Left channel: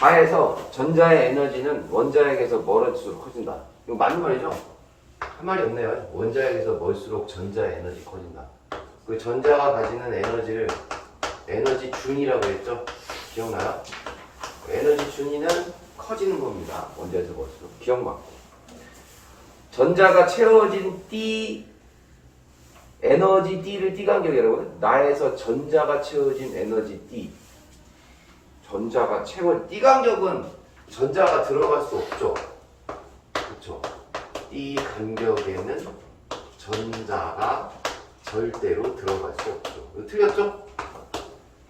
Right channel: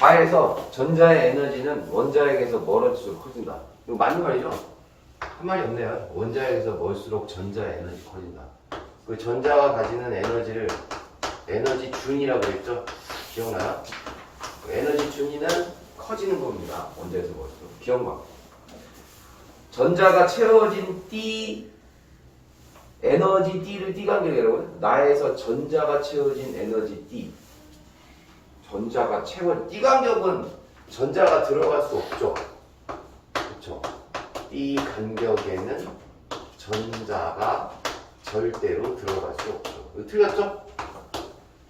가에서 전자의 에너지는 원자핵에서 멀어질수록 커진다. 이거 맞는 말이죠? 한 말이 없네요. 원자핵에서 멀수록 전자의 에너지 커진다. 그 전자가 가지는 에너지를 에너지 준이라고 했죠? 기억나요? 에너지 준위는 커지는 겁니다. 원자에서 멀수록. 기억만. 전자가 채워진 띠, 에너지 띠를 띠간격이라고 해요. 나에서 전자가 채워진 에너지 띠. 전자가 채워진 띠간격은 전자가 들어갈 수 없죠. 그렇죠? 띠 간격에는 전자가 절대로 들어갈 수 없죠. 이거 틀렸죠?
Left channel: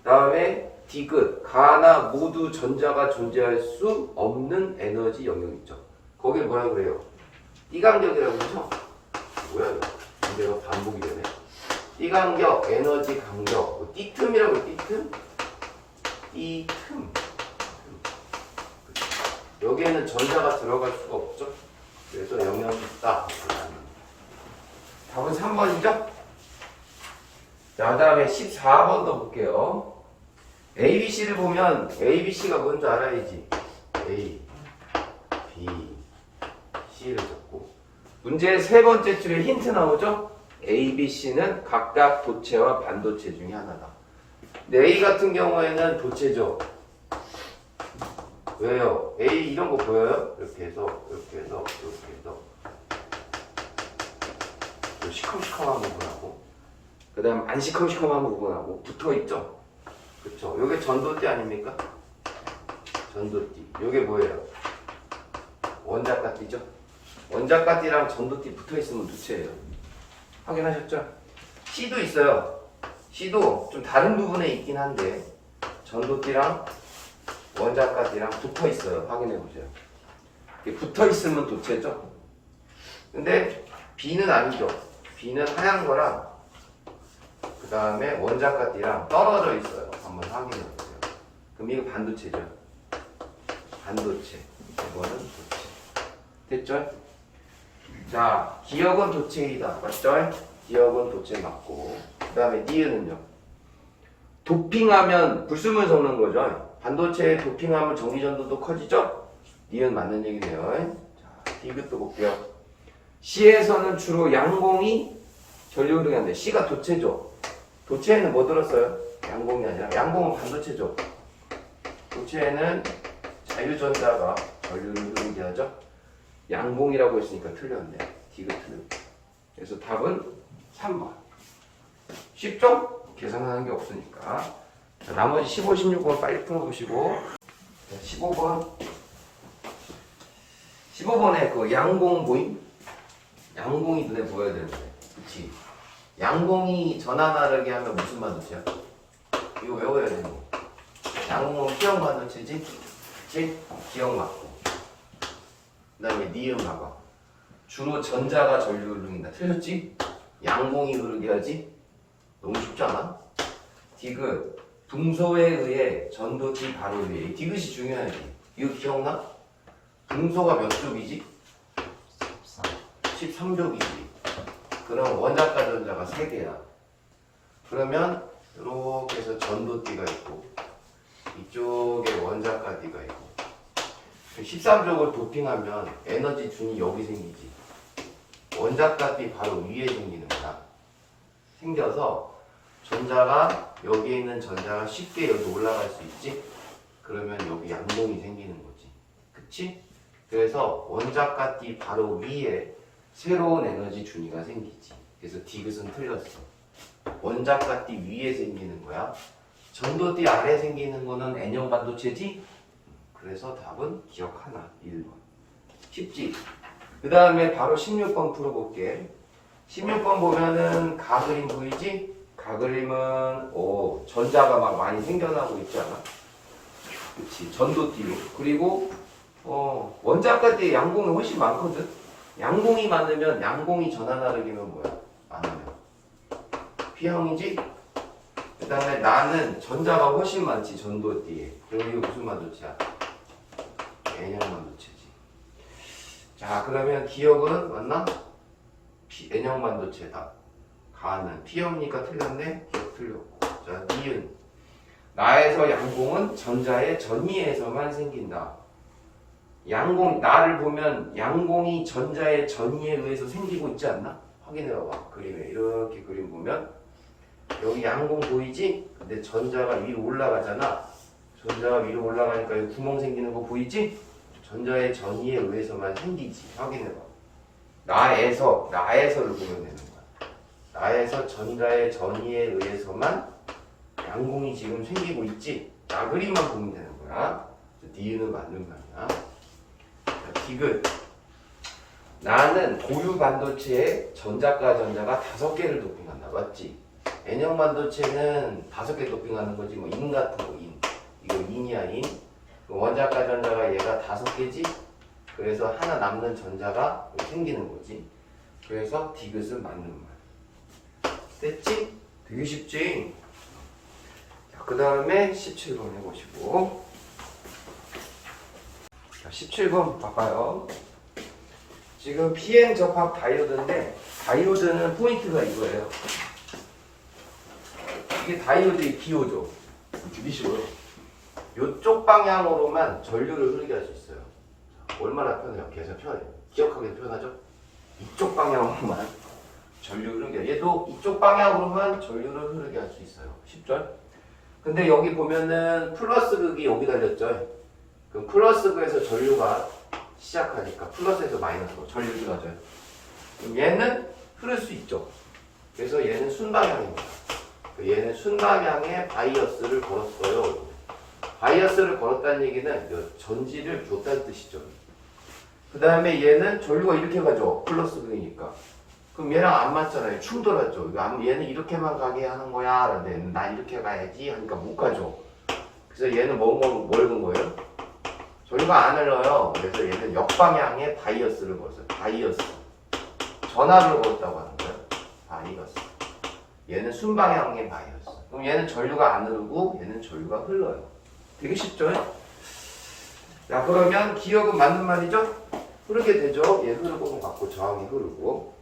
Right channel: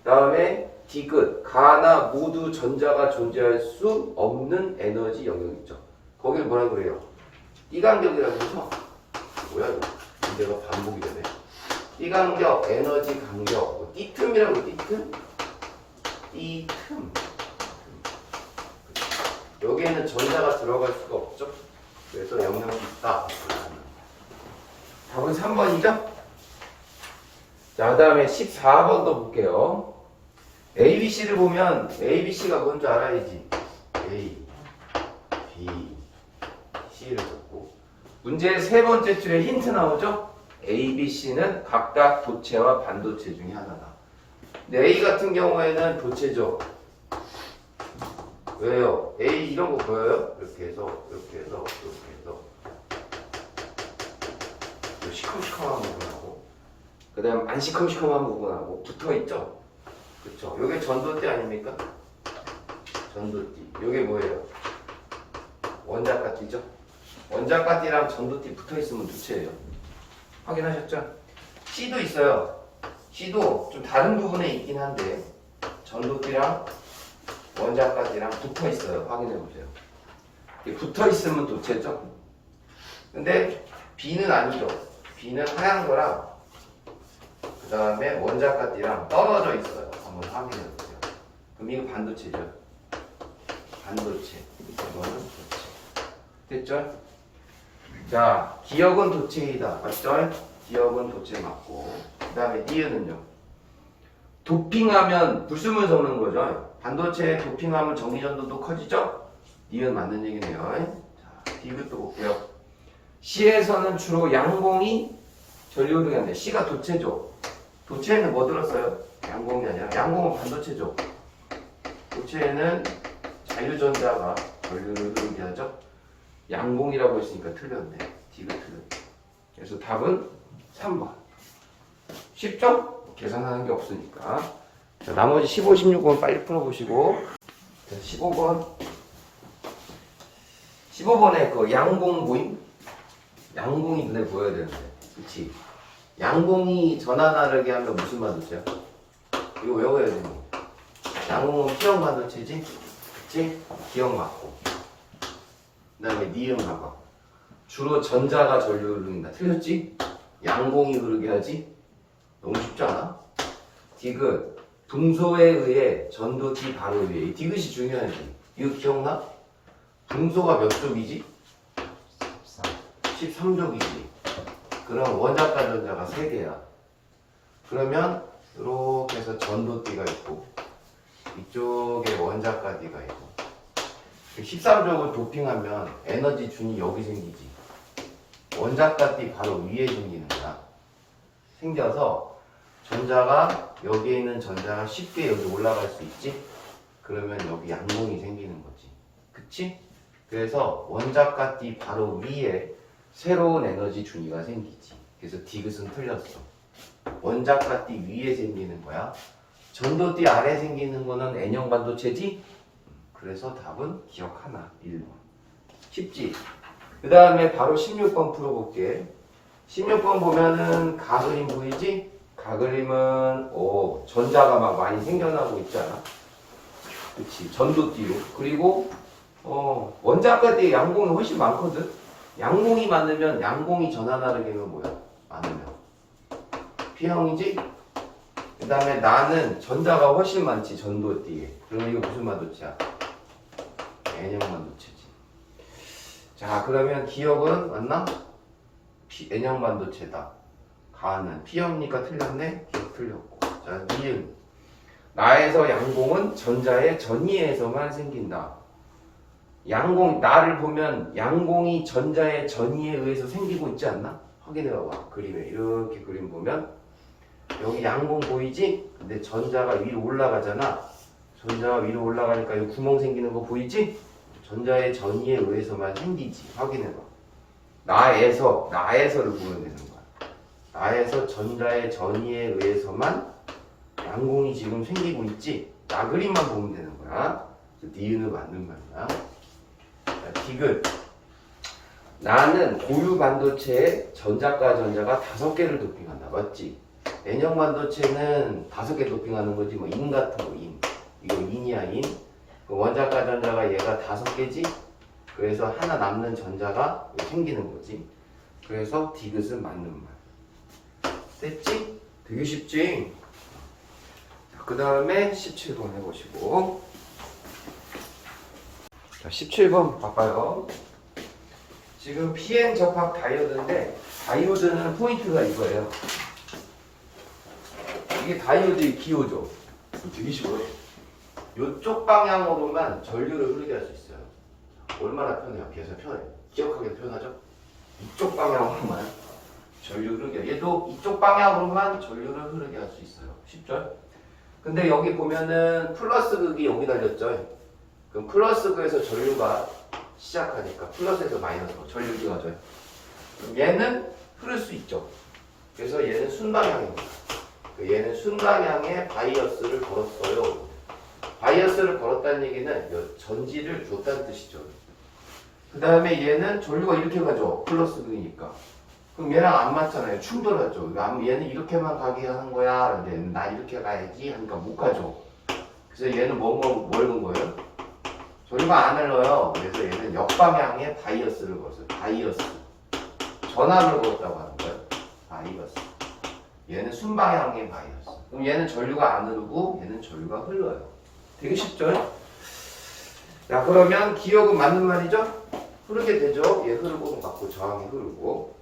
다음에 디귿, 가나 모두 전자가 존재할 수 없는 에너지 영역 있죠. 거길 뭐라 그래요? 띠간격이라고 그러죠? 뭐야 이거? 문제가 반복이 되네. 띠간격, 에너지 간격, 뭐 띠틈이라고 해요. 띠틈? 띠틈. 여기에는 전자가 들어갈 수가 없죠. 그래서 영역이 있다. 답은 3번이죠? 자, 그 다음에 14번도 볼게요. ABC를 보면 ABC가 뭔지 알아야지. A, B, C를 적고 문제의 세 번째 줄에 힌트 나오죠? A, B, C는 각각 도체와 반도체 중에 하나다. 근데 A 같은 경우에는 도체죠. 왜요? A 이런 거 보여요? 이렇게 해서 이렇게 해서 이렇게 해서 시커시커한 부분하고 그 다음 안 시커시커한 부분하고 붙어있죠? 그쵸? 요게 전도띠 아닙니까? 전도띠. 요게 뭐예요? 원자까띠죠? 원자까띠랑 전도띠 붙어있으면 도체예요. 확인하셨죠? C도 있어요. C도 좀 다른 부분에 있긴 한데 전도띠랑 원자까띠랑 붙어있어요. 확인해보세요. 붙어있으면 도체죠? 근데 B는 아니죠. B는 하얀 거랑 그 다음에 원자까띠랑 떨어져 있어요. 한번 확인해 보세요. 그럼 이거 반도체죠. 반도체. 이거는 도체. 됐죠? 자, 기억은 도체이다. 맞죠? 기억은 도체 맞고. 그 다음에 니은은요. 도핑하면 불순물 섞는 거죠. 반도체에 도핑하면 전기전도도 커지죠? 니은 맞는 얘기네요. 자, 디귿도 볼게요. C에서는 주로 양공이 전류흐르게 하는데 C가 도체죠. 도체에는 뭐 들었어요? 양공이 아니라 양공은 반도체죠. 도체에는 자유전자가 전류를 흐르게 하죠. 양공이라고 했으니까 틀렸네. 디귿 틀렸네. 그래서 답은 3번. 쉽죠? 계산하는 게 없으니까. 자, 나머지 15, 16번 빨리 풀어보시고. 자, 15번. 15번에 그 양공 보임? 양공이 눈에 보여야 되는데. 그치? 양공이 전하 나르게 하면 무슨 반도체야? 이거 외워야 되는 거. 양공은 P형 반도체지? 그치? 기억 맞고. 그 다음에 니은 봐봐. 주로 전자가 전류를 흐른다. 틀렸지? 양공이 흐르게 하지? 너무 쉽지 않아? 디귿. 붕소에 의해 전도띠 바로 위에. 디귿이 중요하지. 이거 기억나? 붕소가 몇 족이지? 13족이지. 그럼 원자과 전자가 3개야. 그러면 이렇게 해서 전도띠가 있고 이쪽에 원자까지가 있고 13족을 도핑하면 에너지 준이 여기 생기지. 원자까지 바로 위에 생기는 거야. 생겨서 전자가 여기에 있는 전자가 쉽게 여기 올라갈 수 있지. 그러면 여기 양봉이 생기는 거지. 그치? 그래서 원자까지 바로 위에 새로운 에너지 준위가 생기지. 그래서 디귿은 틀렸어. 원자까지 위에 생기는 거야. 전도띠 아래 생기는 거는 N형 반도체지? 그래서 답은 기억 하나. 1번. 쉽지? 그 다음에 바로 16번 풀어볼게. 16번 보면은 가그림 보이지? 가그림은 전자가 막 많이 생겨나고 있지 않아? 그치? 전도띠로. 그리고 원자까지 양공이 훨씬 많거든? 양공이 많으면 양공이 전하 나르기면 뭐야? 많으면 P형이지? 그 다음에 나는 전자가 훨씬 많지. 전도띠에. 그럼 이거 무슨 반도체야? N형 반도체지. 자, 그러면 기억은 맞나? N형 반도체다. 가는 P형이니까 틀렸네? 기억 틀렸고. 자, 니은 나에서 양공은 전자의 전이에서만 생긴다. 양공, 나를 보면 양공이 전자의 전이에 의해서 생기고 있지 않나? 확인해 봐봐. 그림에 이렇게 그림 보면 여기 양공 보이지? 근데 전자가 위로 올라가잖아. 전자가 위로 올라가니까 여기 구멍 생기는 거 보이지? 전자의 전이에 의해서만 생기지. 확인해 봐. 나에서를 보면 되는 거야. 나에서 전자의 전이에 의해서만 양공이 지금 생기고 있지. 나 그림만 보면 되는 거야. 니은은 맞는 말이야. 디귿. 나는 고유 반도체에 전자과 전자가 5개를 도핑한다. 맞지? N형 반도체는 5개 도핑하는 거지. 뭐 인 같은 거 인. 이거 인이야 인. 그 원자과 전자가 얘가 5개지. 그래서 하나 남는 전자가 생기는 거지. 그래서 디귿은 맞는 말. 됐지? 되게 쉽지? 그 다음에 17번 해보시고. 자, 17번 봐봐요. 지금 PN 접합 다이오드인데 다이오드는 포인트가 이거예요. 이게 다이오드의 기호죠. 되게 쉬워요. 이쪽 방향으로만 전류를 흐르게 할 수 있어요. 얼마나 편해요? 계산 편해요. 기억하기도 편하죠? 이쪽 방향으로만 전류 흐르게. 얘도 이쪽 방향으로만 전류를 흐르게 할 수 있어요. 쉽죠? 근데 여기 보면은 플러스 극이 여기 달렸죠? 그럼 플러스 극에서 전류가 시작하니까 플러스에서 마이너스로 전류가 가져요. 그럼 얘는 흐를 수 있죠. 그래서 얘는 순방향입니다. 얘는 순방향에 바이어스를 걸었어요. 바이어스를 걸었다는 얘기는 전지를 줬다는 뜻이죠. 그 다음에 얘는 전류가 이렇게 가죠. 플러스 극이니까. 그럼 얘랑 안 맞잖아요. 충돌하죠. 얘는 이렇게만 가게 하는 거야. 근데 나 이렇게 가야지 하니까 못 가죠. 그래서 얘는 뭘 건 거예요? 전류가 안 흘러요. 그래서 얘는 역방향에 바이어스를 걸었어요. 바이어스. 전압을 걸었다고 하는 거예요. 바이어스. 얘는 순방향의 바이어스. 그럼 얘는 전류가 안 흐르고 얘는 전류가 흘러요. 되게 쉽죠? 자, 그러면 기억은 맞는 말이죠? 흐르게 되죠. 얘 흐르고 맞고 저항이 흐르고.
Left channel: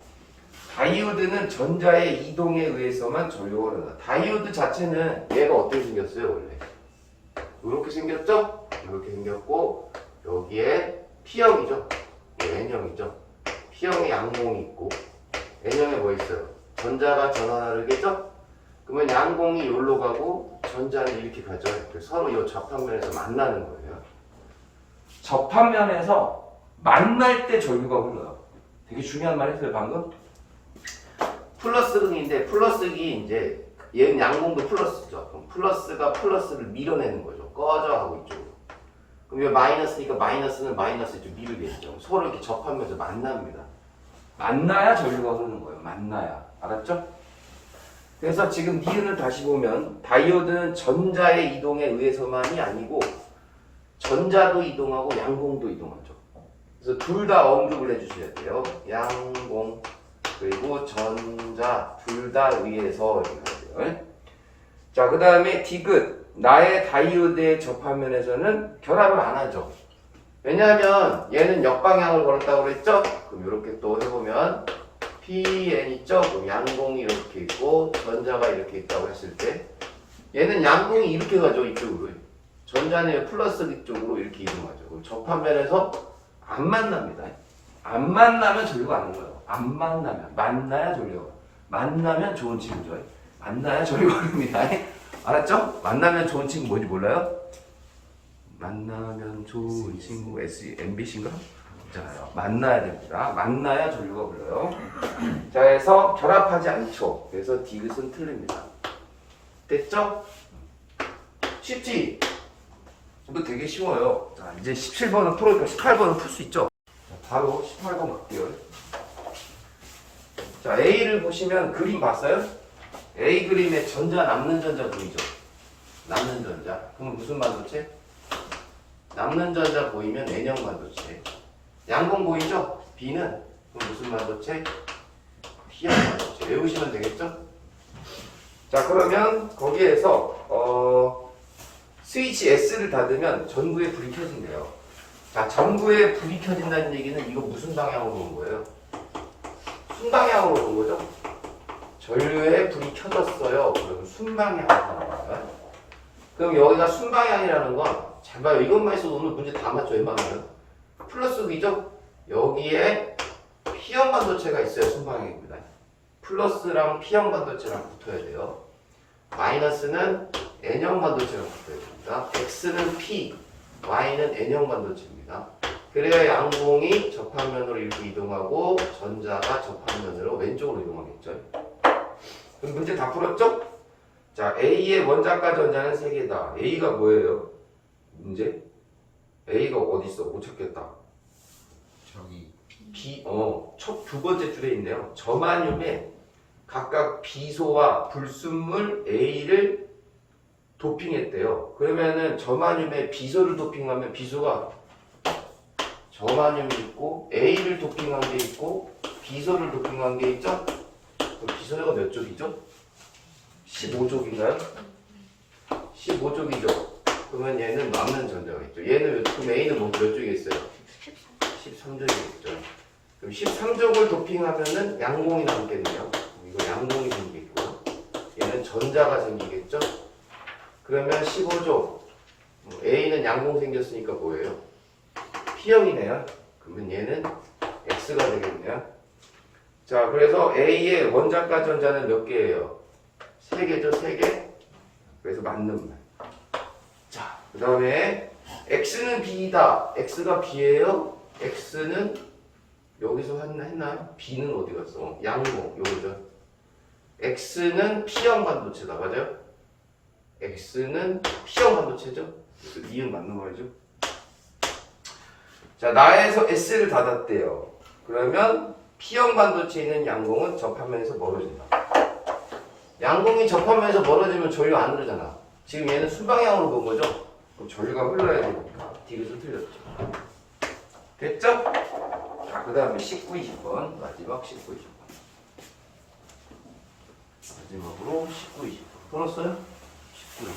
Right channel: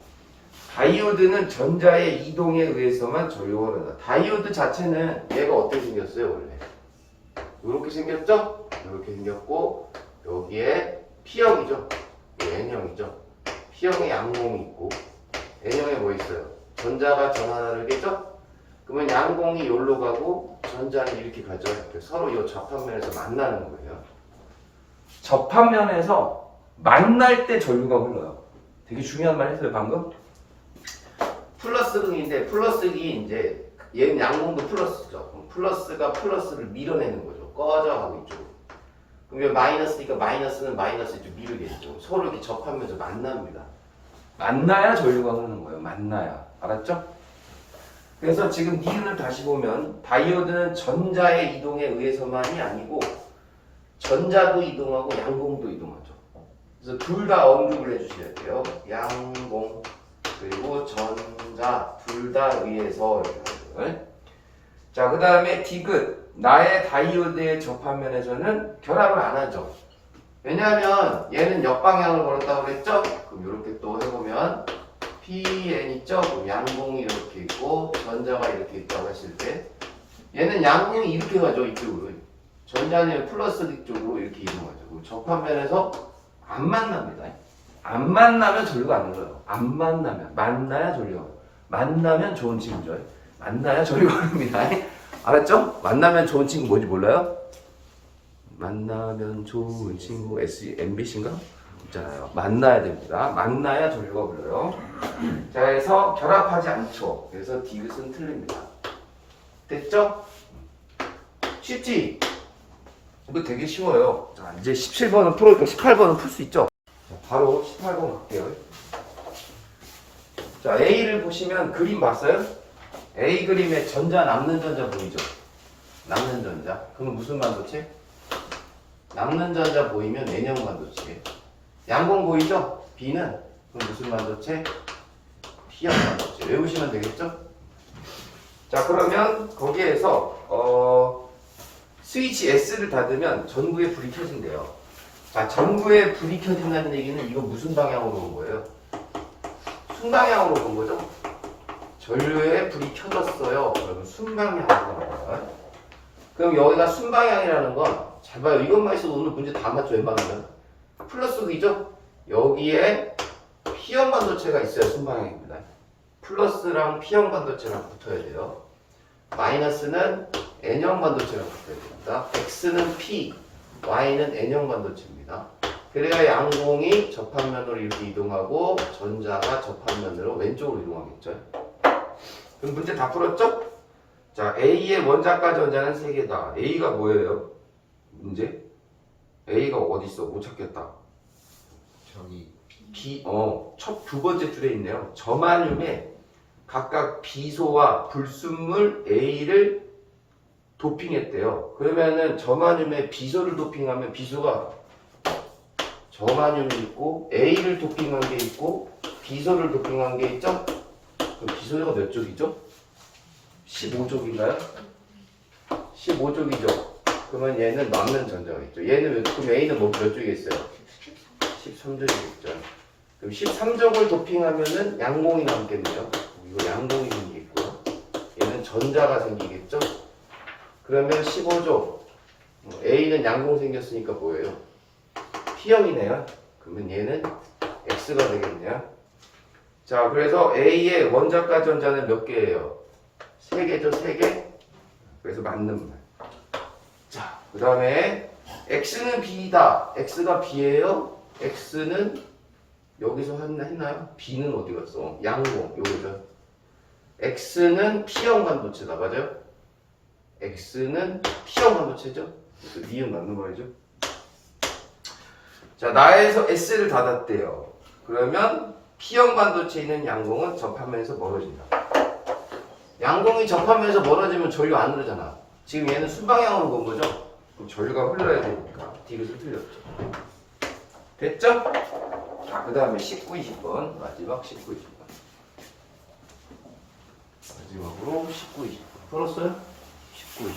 다이오드는 전자의 이동에 의해서만 전류가 흐른다. 다이오드 자체는 얘가 어떻게 생겼어요, 원래? 이렇게 생겼죠? 이렇게 생겼고 여기에 P형이죠. N형이죠. P형에 양공이 있고 N형에 뭐 있어요? 전자가 전하나를 겠죠? 그러면 양공이 여기로 가고 전자는 이렇게 가죠. 서로 이 접합면에서 만나는 거예요. 접합면에서 만날 때 전류가 흘러요. 되게 중요한 말 했어요, 방금. 플러스 극인데 플러스 극이 이제 얘는 양공도 플러스죠. 그럼 플러스가 플러스를 밀어내는 거죠. 꺼져 하고 이쪽으로. 그럼 얘 마이너스니까 마이너스는 마이너스 이쪽 밀으겠죠. 서로 이렇게 접하면서 만납니다. 만나야 전류가 흐르는 거예요. 만나야. 알았죠? 그래서 지금 니은을 다시 보면 다이오드는 전자의 이동에 의해서만이 아니고 전자도 이동하고 양공도 이동하죠. 그래서 둘 다 언급을 해주셔야 돼요. 양공 그리고 전자 둘 다 의해서 이런 거죠. 자, 그 다음에 디귿. 나의 다이오드의 접합면에서는 결합을 안 하죠. 왜냐하면 얘는 역방향을 걸었다고 그랬죠? 그럼 이렇게 또 해보면 PN 있죠? 양공이 이렇게 있고 전자가 이렇게 있다고 했을 때 얘는 양공이 이렇게 가죠. 이쪽으로. 전자는 플러스 쪽으로 이렇게 이동하죠. 그럼 접합면에서 안 만납니다. 안 만나면 전류가 안 흘러요. 안 만나면. 만나야 전류. 만나면 좋은 친구죠. 만나야 전류가 흐릅니다. 알았죠? 만나면 좋은 친구 뭔지 몰라요? 만나면 좋은 친구 MBC인가? 있잖아요. 만나야 됩니다. 만나야 전류가 흘러요. 자, 그래서 결합하지 않죠. 그래서 디귿은 틀립니다. 됐죠? 쉽지? 이거 되게 쉬워요. 자, 이제 17번은 풀으니까 18번은 풀 수 있죠? 자, 바로 18번 갈게요. 자, A를 보시면 그림 봤어요? A 그림에 전자 남는 전자 보이죠? 남는 전자. 그러면 무슨 반도체? 남는 전자 보이면 N형 반도체. 양공 보이죠? B는 그럼 무슨 반도체? P형 반도체. 외우시면 되겠죠? 자, 그러면 거기에서 스위치 S를 닫으면 전구에 불이 켜진대요. 자, 전구에 불이 켜진다는 얘기는 이거 무슨 방향으로 온 거예요? 순방향으로 온 거죠? 전류에 불이 켜졌어요. 그러면 순방향으로 온 거예요. 그럼 여기가 순방향이라는 건 잘 봐요. 이것만 있어도 오늘 문제 다 맞죠. 웬만하면. 플러스 V죠? 여기에 P형 반도체가 있어야 순방향입니다. 플러스랑 P형 반도체랑 붙어야 돼요. 마이너스는 N형 반도체랑 붙어야 됩니다. X는 P, Y는 N형 반도체입니다. 그래야 양공이 접합면으로 이렇게 이동하고 전자가 접합면으로 왼쪽으로 이동하겠죠. 그럼 문제 다 풀었죠? 자, A의 원자과 전자는 3개다. A가 뭐예요? 문제? A가 어디 있어? 못 찾겠다. 저기 첫 두 번째 줄에 있네요. 저마늄에 각각 비소와 불순물 A를 도핑했대요. 그러면은 저마늄에 비소를 도핑하면 비소가 저마늄이 있고 A를 도핑한 게 있고 비소를 도핑한 게 있죠? 그럼 비소가 몇 쪽이죠? 15쪽인가요? 15쪽이죠. 그러면 얘는 남는 전자겠죠. 얘는 그럼 A는 몇 쪽에 있어요? 13쪽이겠죠. 그럼 13쪽을 도핑하면은 양공이 남겠네요. 이거 양공이 생기겠고요. 얘는 전자가 생기겠죠. 그러면 15쪽 A는 양공 생겼으니까 뭐예요? P형이네요. 그러면 얘는 X가 되겠네요. 자, 그래서 A의 원자과 전자는 몇 개예요? 3개죠, 3개. 그래서 맞는 말. 자, 그 다음에 X는 B다. X가 B예요. X는 여기서 했나요? B는 어디 갔어? 양공, 요거죠. X는 P형 반도체다. 맞아요? X는 P형 반도체죠? 그래서 니은 맞는 말이죠. 자, 나에서 S를 닫았대요. 그러면 P형 반도체에 있는 양공은 접하면서 멀어진다. 양공이 접하면서 멀어지면 전류 안 흐르잖아. 지금 얘는 순방향으로 본 거죠? 그럼 전류가 흘러야 되니까 뒤로서 틀렸죠. 됐죠? 자, 그 다음에 19, 20번. 마지막 19, 20번. 마지막으로 19, 20번. 풀었어요? 19,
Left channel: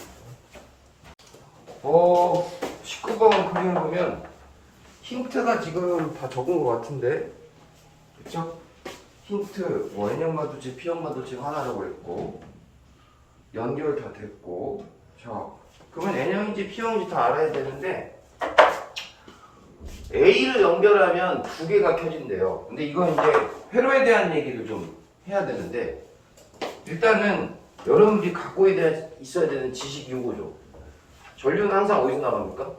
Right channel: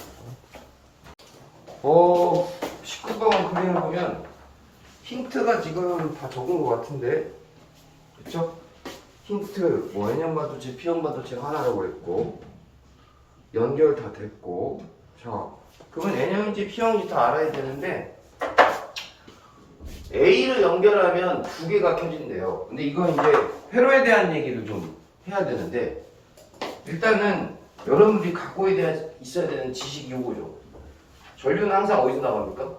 20번. 19번 그림 보면 힌트가 지금 다 적은 것 같은데. 그쵸? 힌트, N형 반도체, P형 반도체 하나라고 했고, 연결 다 됐고, 자, 그러면 N형인지 P형인지 다 알아야 되는데, A를 연결하면 두 개가 켜진대요. 근데 이건 이제 회로에 대한 얘기를 좀 해야 되는데, 일단은 여러분들이 갖고 있어야 되는 지식이 이거죠. 전류는 항상 어디서 나갑니까?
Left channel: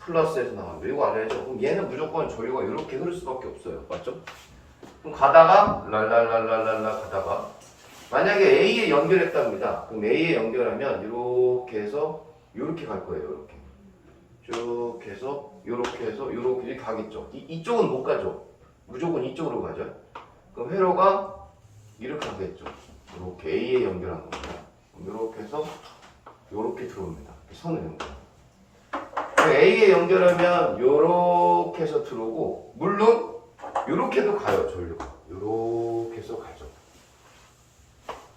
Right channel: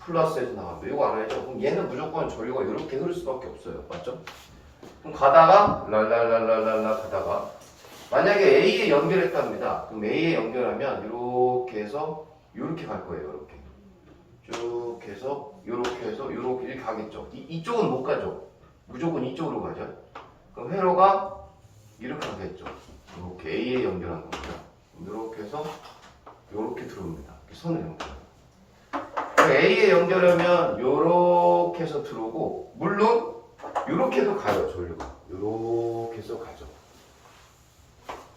플러스에서 나갑니다. 이거 알아야죠. 그럼 얘는 무조건 전류가 이렇게 흐를 수밖에 없어요. 맞죠? 그럼 가다가 랄랄랄랄랄라 가다가 만약에 A에 연결했답니다. 그럼 A에 연결하면 이렇게 해서 이렇게 갈 거예요. 이렇게 쭉 해서 이렇게 가겠죠. 이쪽은 못 가죠. 무조건 이쪽으로 가죠. 그럼 회로가 이렇게 가겠죠. 이렇게 A에 연결한 겁니다. 이렇게 해서 이렇게 들어옵니다. 선을 연결합니다. A에 연결하면 이렇게 해서 들어오고, 물론 이렇게도 가요. 전류가 이렇게 해서 가죠.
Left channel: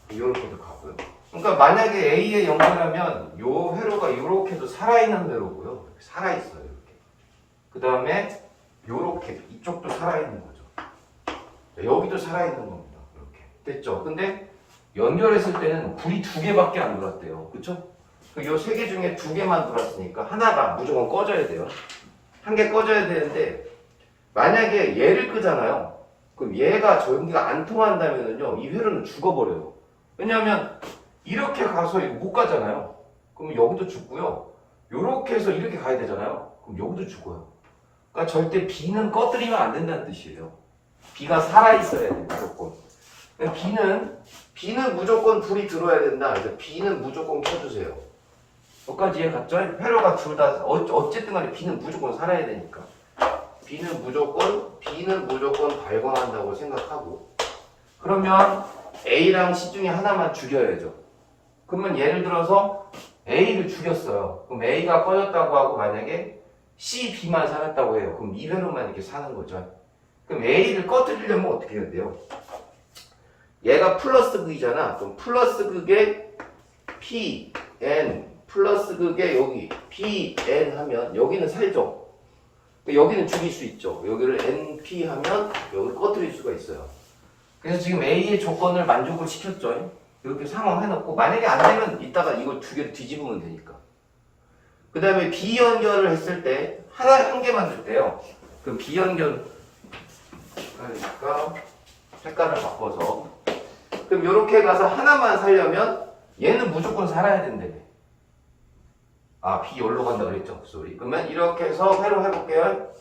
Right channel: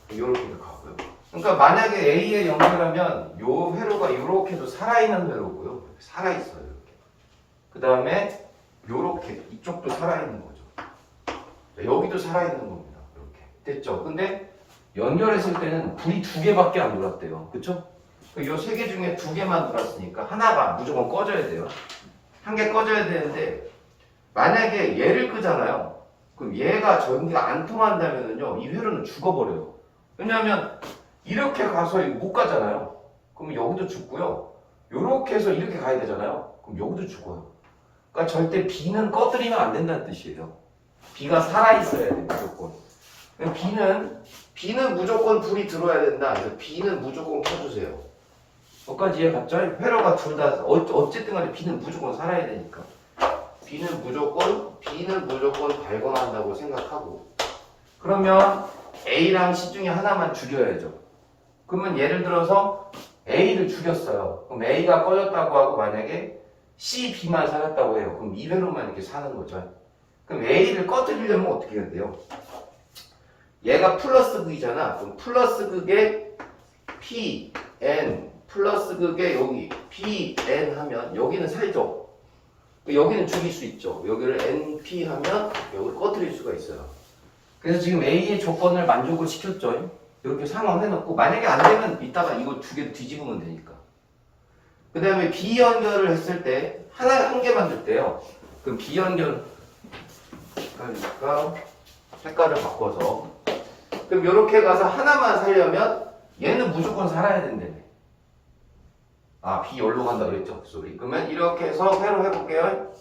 이렇게도 가고요. 그러니까 만약에 A에 연결하면 요 회로가 이렇게도 살아있는 회로고요. 살아있어요. 이렇게. 그 다음에 요렇게 이쪽도 살아있는 거죠. 여기도 살아있는 겁니다. 이렇게 됐죠. 근데 연결했을 때는 불이 2개밖에 안 들어왔대요. 그쵸? 요 3개 중에 2개만 들어왔으니까 하나가 무조건 꺼져야 돼요. 한 개 꺼져야 되는데, 만약에 얘를 끄잖아요. 그럼 얘가 전기가 안 통한다면은요, 이 회로는 죽어버려요. 왜냐하면 이렇게 가서 이거 못 가잖아요. 그럼 여기도 죽고요. 요렇게 해서 이렇게 가야 되잖아요. 그럼 여기도 죽어요. 그러니까 절대 B는 꺼뜨리면 안 된다는 뜻이에요. B가 살아있어야 돼, 무조건. B는 무조건 불이 들어야 된다. 그래서 B는 무조건 켜주세요. 여기까지 이해 갔죠? 회로가 둘 다 어쨌든 간에 B는 무조건 살아야 되니까. B는 무조건 발광한다고 생각하고, 그러면 A랑 C 중에 하나만 죽여야죠. 그러면 예를 들어서 A를 죽였어요. 그럼 A가 꺼졌다고 하고 만약에 C, B만 살았다고 해요. 그럼 이 회로만 이렇게 사는 거죠. 그럼 A를 꺼뜨리려면 어떻게 해야 돼요? 얘가 플러스 극이잖아. 그럼 플러스 극에 P, N, 플러스 극에 여기 P, N 하면 여기는 살죠. 여기는 죽일 수 있죠. 여기를 NP 하면 여기를 꺼뜨릴 수가 있어요. 그래서 지금 A의 조건을 만족을 시켰죠. 이렇게 상황해놓고 만약에 안 되면 이따가 이걸 두 개 뒤집으면 되니까. 그 다음에 비연결을 했을 때 한 개만 줬대요. 그럼 비연결 하니까 색깔을 바꿔서 그럼 이렇게 가서 하나만 살려면 얘는 무조건 살아야 된다네. 아, 비열로 간다 그랬죠? 쏘리. 그러면 이렇게 해서 회로 해볼게요.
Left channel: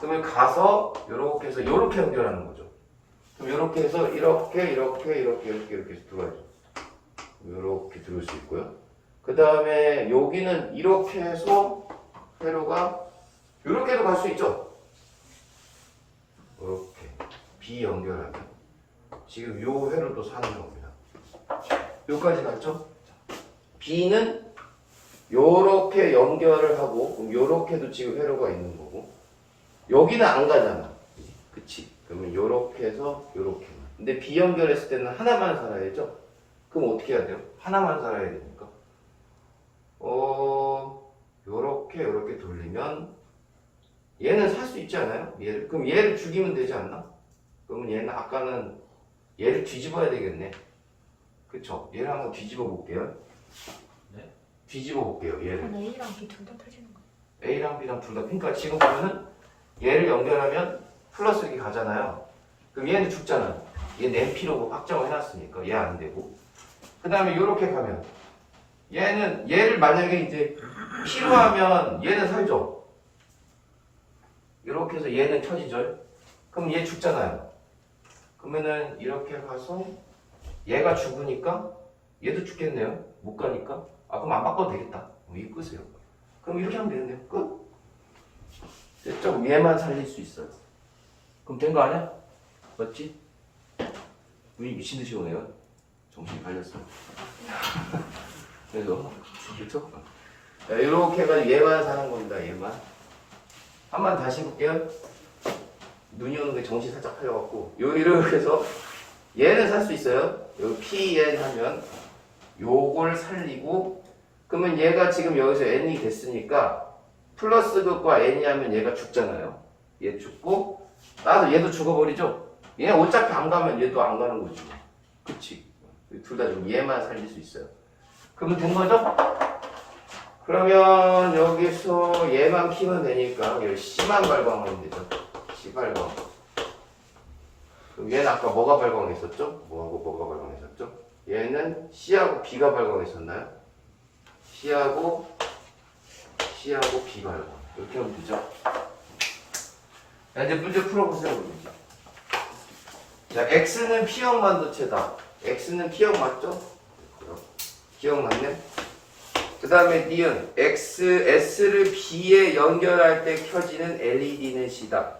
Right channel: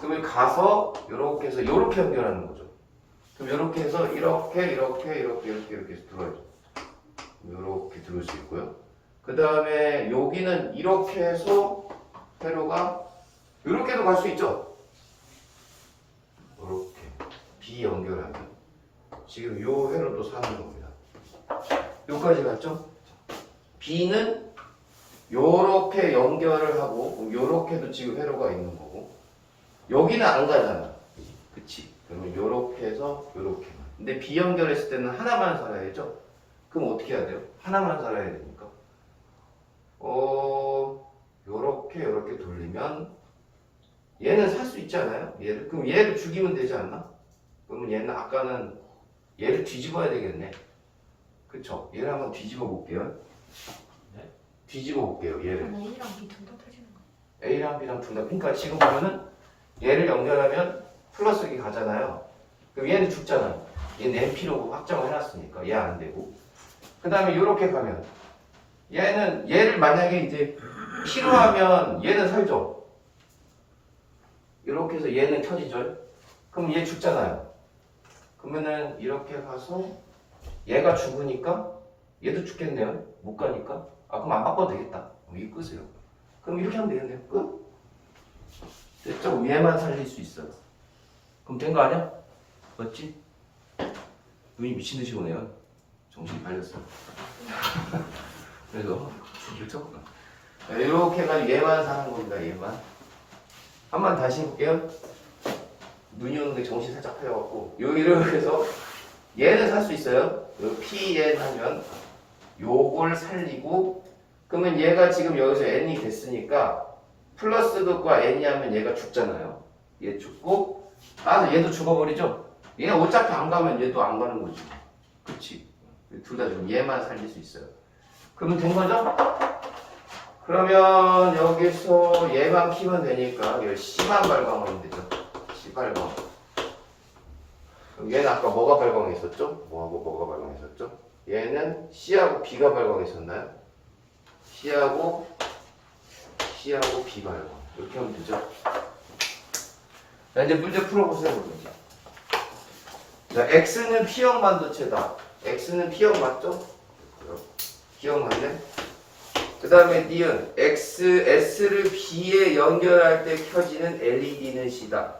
그러면 가서 이렇게 해서 이렇게 연결하는 거죠. 그럼 이렇게 해서 이렇게 해서 들어가야죠. 이렇게 들어올 수 있고요. 그 다음에 여기는 이렇게 해서 회로가 이렇게도 갈 수 있죠. 이렇게 비연결하기. 지금 요 회로도 사는 겁니다. 요까지 갔죠? B는 요렇게 연결을 하고 그럼 요렇게도 지금 회로가 있는 거고 여기는 안 가잖아. 그치? 그러면 요렇게 해서 요렇게만. 근데 B 연결했을 때는 하나만 살아야 되죠? 그럼 어떻게 해야 돼요? 하나만 살아야 되니까 요렇게 돌리면 얘는 살 수 있지 않아요? 얘를. 그럼 얘를 죽이면 되지 않나? 그러면 얘는 아까는 얘를 뒤집어야 되겠네. 그쵸? 얘를 한번 뒤집어 볼게요. 네? 뒤집어 볼게요. 얘를. A랑 B 둘 다 터지는 거. A랑 B랑 둘 다. 그러니까 지금 보면은 얘를 연결하면 플러스 이렇게 가잖아요. 그럼 얘는 죽잖아요. 얘는 NP로 확정을 해놨으니까 얘 안 되고. 그 다음에 이렇게 가면 얘를 만약에 이제 P로 하면 얘는 살죠. 이렇게 해서 얘는 터지죠. 그럼 얘 죽잖아요. 그러면은 이렇게 가서 얘가 죽으니까 얘도 죽겠네요. 못 가니까. 아, 그럼 안 바꿔도 되겠다. 그럼 이거 끄세요. 그럼 이렇게 하면 되겠네. 끝. 됐죠? 얘만 살릴 수 있어요. 그럼 된 거 아니야? 맞지? 눈이 미친 듯이 오네요. 정신이 팔렸어요. 그래서 그렇죠? 자, 이렇게 해가지고 얘만 사는 겁니다. 얘만. 한번 다시 해볼게요. 눈이 오는데 정신 살짝 팔려갖고 이렇게 해서 얘는 살 수 있어요. 요 PN 하면 요걸 살리고 그러면 얘가 지금 여기서 N이 됐으니까 플러스 극과 N이 하면 얘가 죽잖아요. 얘 죽고 따라서 얘도 죽어버리죠. 얘 어차피 안 가면 얘도 안 가는 거지. 그치? 둘 다 죽으면 얘만 살릴 수 있어요. 그러면 된 거죠? 그러면 여기서 얘만 키면 되니까 여기 C만 발광하면 되죠. C 발광. 그럼 얘는 아까 뭐가 발광했었죠? 뭐가 발광했었죠? 얘는 C하고 B가 발광했었나요? C하고 B 발광. 이렇게 하면 되죠? 자, 이제 문제 풀어보세요. 문제. 자, X는 P형 반도체다. X는 P형 맞죠? 기억나네? 그 다음에 니은 S를 B에 연결할 때 켜지는 LED는 C다.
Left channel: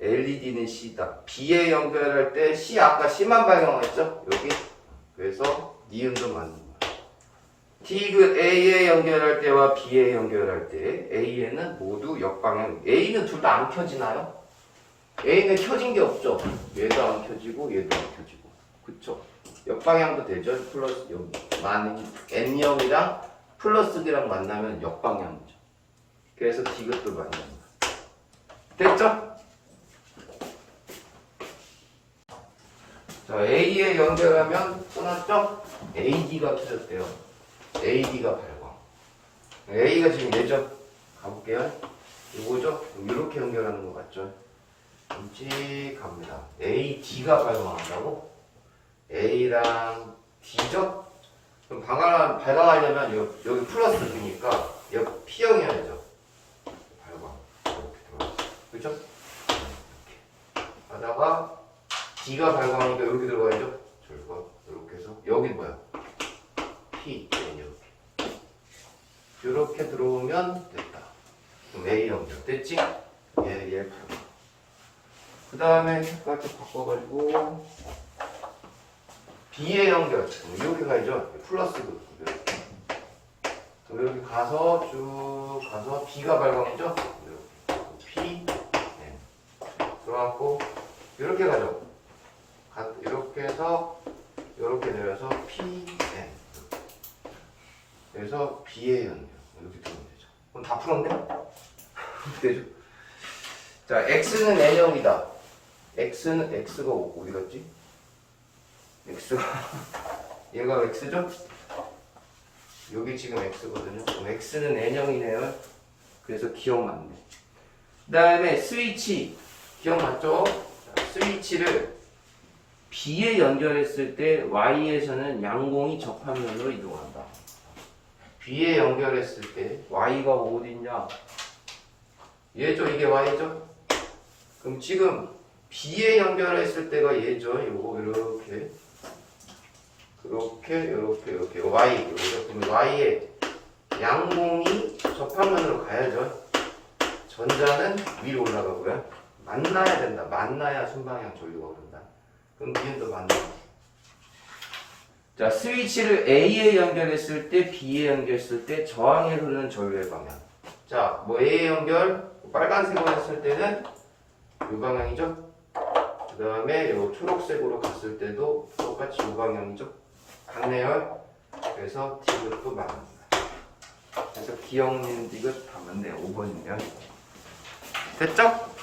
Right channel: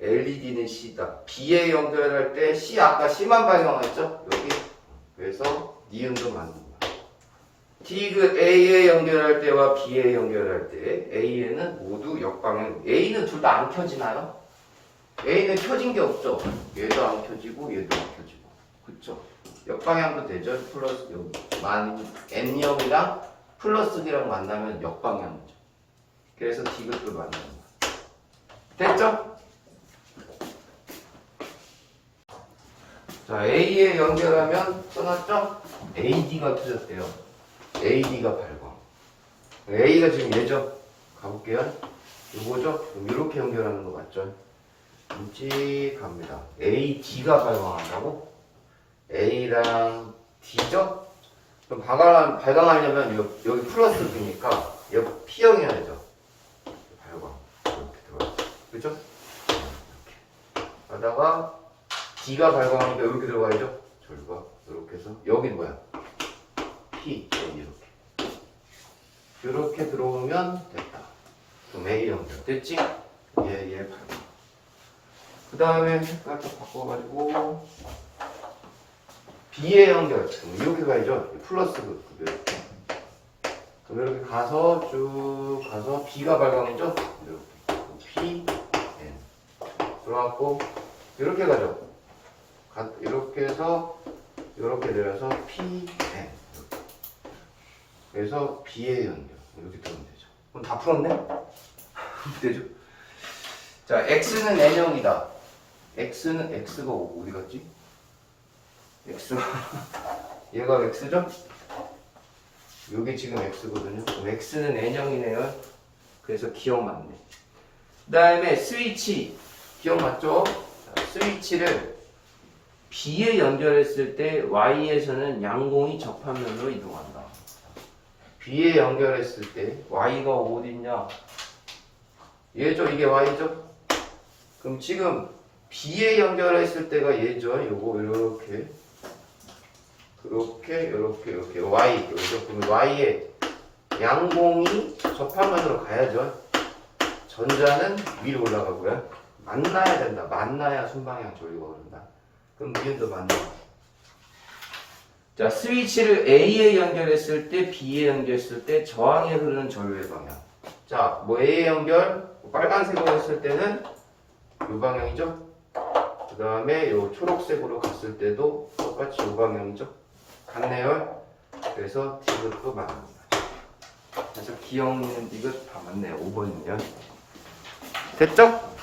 LED는 C다. B에 연결할 때 C 아까 C만 발광했죠? 여기. 그래서 니은도 만든다. 디귿 A에 연결할 때와 B에 연결할 때 A에는 모두 역방향. A는 둘 다 안 켜지나요? A는 켜진 게 없죠. 얘도 안 켜지고 얘도 안 켜지고. 그쵸? 역방향도 되죠. 플러스 N형이랑 플러스랑 만나면 역방향이죠. 그래서 디귿도 만든다. 됐죠? 자, A에 연결하면 떠났죠? AD가 터졌대요. AD가 발광. A가 지금 얘죠? 가볼게요. 요거죠? 이렇게 연결하는 거 맞죠? 끔찍합니다. AD가 발광한다고? A랑 D죠? 그럼 발광하려면 여기 플러스 B니까 여기 P형이 해야죠. 발광. 이렇게 들어가죠. 그죠? 이렇게. 하다가 D가 발광하니까 이렇게 들어가야죠? 저기가. 이렇게 해서 여긴 뭐야? P, N 이렇게 들어오면 됐다. 그럼 A 연결 됐지? 얘 발광. 그 다음에 색깔 좀 바꿔가지고 B에 연결. 이렇게 가야죠. 플러스 이렇게. 그럼 이렇게 가서 쭉 가서 B가 발광이죠. 이렇게 P, N. 들어갔고 이렇게 가죠. 이렇게 해서 이렇게 내려서 P, N. 그래서 B에 연결. 이렇게 들어오면 되죠. 그럼 다 풀었네? 되죠? 자, X는 N형이다. X는 X가 어디 갔지? X가 얘가 x죠? 여기 지금 x거든요. 그럼 x는 n형이네요. 그래서 기억 맞네. 그 다음에 스위치 기억 맞죠? 자, 스위치를 B에 연결했을 때 Y에서는 양공이 접합면으로 이동한다. B에 연결했을 때 Y가 어디 있냐? 얘죠? 이게 Y죠? 그럼 지금 B에 연결했을 때가 얘죠? 요거 이렇게 이렇게 Y 여기서 보면 Y에 양공이 접합면으로 가야죠. 전자는 위로 올라가고요. 만나야 된다. 만나야 순방향 전류가 오른다. 그럼 뒤에도 만나. 자, 스위치를 A에 연결했을 때, B에 연결했을 때 저항에 흐르는 전류의 방향. 자, 뭐 A에 연결, 빨간색으로 했을 때는 이 방향이죠. 그 다음에 요 초록색으로 갔을 때도 똑같이 이 방향이죠. 같네요. 그래서 T그룹도 맞는 거죠. 그래서 기억니는 이거 다 맞네요. 5번이면. 됐죠?